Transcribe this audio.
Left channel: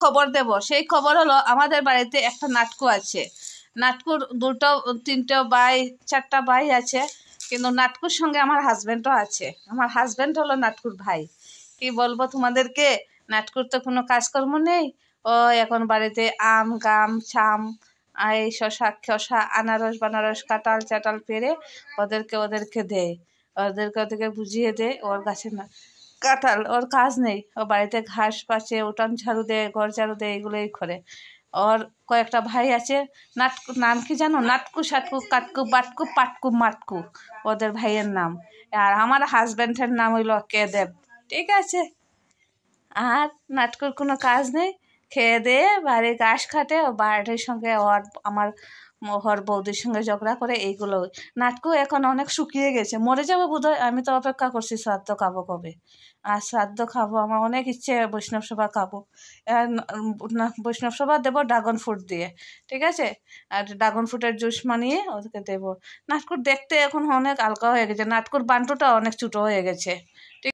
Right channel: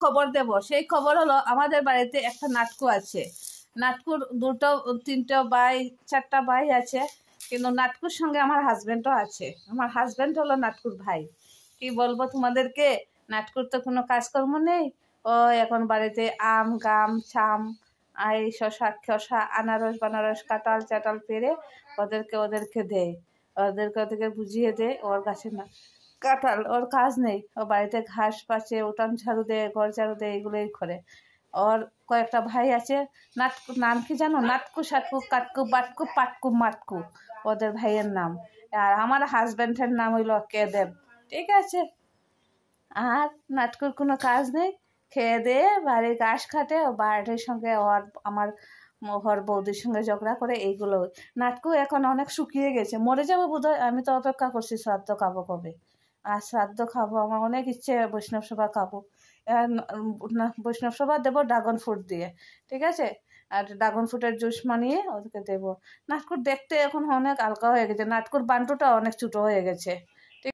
খবর দেব। সেই খবর হলো আমাদের বাড়িতে একটা নাটকু আছে। নাটকুর দুটো তিনটে ভাই চারটা ভাই আছে, কিন্তু নাটকুর সঙ্গে আমার হাজব্যান্ডও আছে। আমার হাজব্যান্ড হলো নাটকুর ভাই। কি বলবো তোমাদেরকে, নাটকুর তো কোনো কাজকর্ম নেই। ও এখন বাড়িতে আম গাম ছাম এই শশা আনারস বানারস কাঁঠাল চাটাল পেরে ওদেরকে দেয়। ওদেরকে বুঝিয়ে দেয়। ওর গাছে না কাঁঠাল, ওর কাজ নেই। ও বাড়িতে ঘাস পাচ্ছে, উঠান ঝাড়ু দেয়, ঘর ঝাড়ু দেয়, এগুলোই করে। ওর কয়েকটা ভাই আছে, নাটকু নাম কি জানো? নাটকু সাটকু কাটকু বাটকু পাটকু মাটকু ওদের ভাইয়ের নাম। আর আমার হাজব্যান্ডের নাম হইল কেদেব। ঠিক আছে। আর নাটকুর কোনো কাজ নেই, খেয়ে দিয়ে বাড়ির ঘাস খাটে, ও বাড়ির সঙ্গে ওর বৌদির সঙ্গে ঝগড়া করে। এইগুলো নাটকু এখন অনেক শুকিয়ে গেছে, মরে যাবে বোধহয়। আমি তো অপেক্ষা করছি শ্রাদ্ধ খাবো কবে। আর শ্রাদ্ধ খাবো, আমার অনেক ইচ্ছে বৈষ্ণব সভা খাবো। বৈষ্ণব সভা দেবো ড্রাগন ফ্রুট দিয়ে। ঠিক আছে। আর ড্রাগন ফ্রুটের জুস বানিয়ে ওদেরকে দেবো। নাটকুর দেখতে এখন অনেক হালকা হয়ে গেছে, নাটকুর বান্টুটা অনেক ছোটো হয়ে গেছে।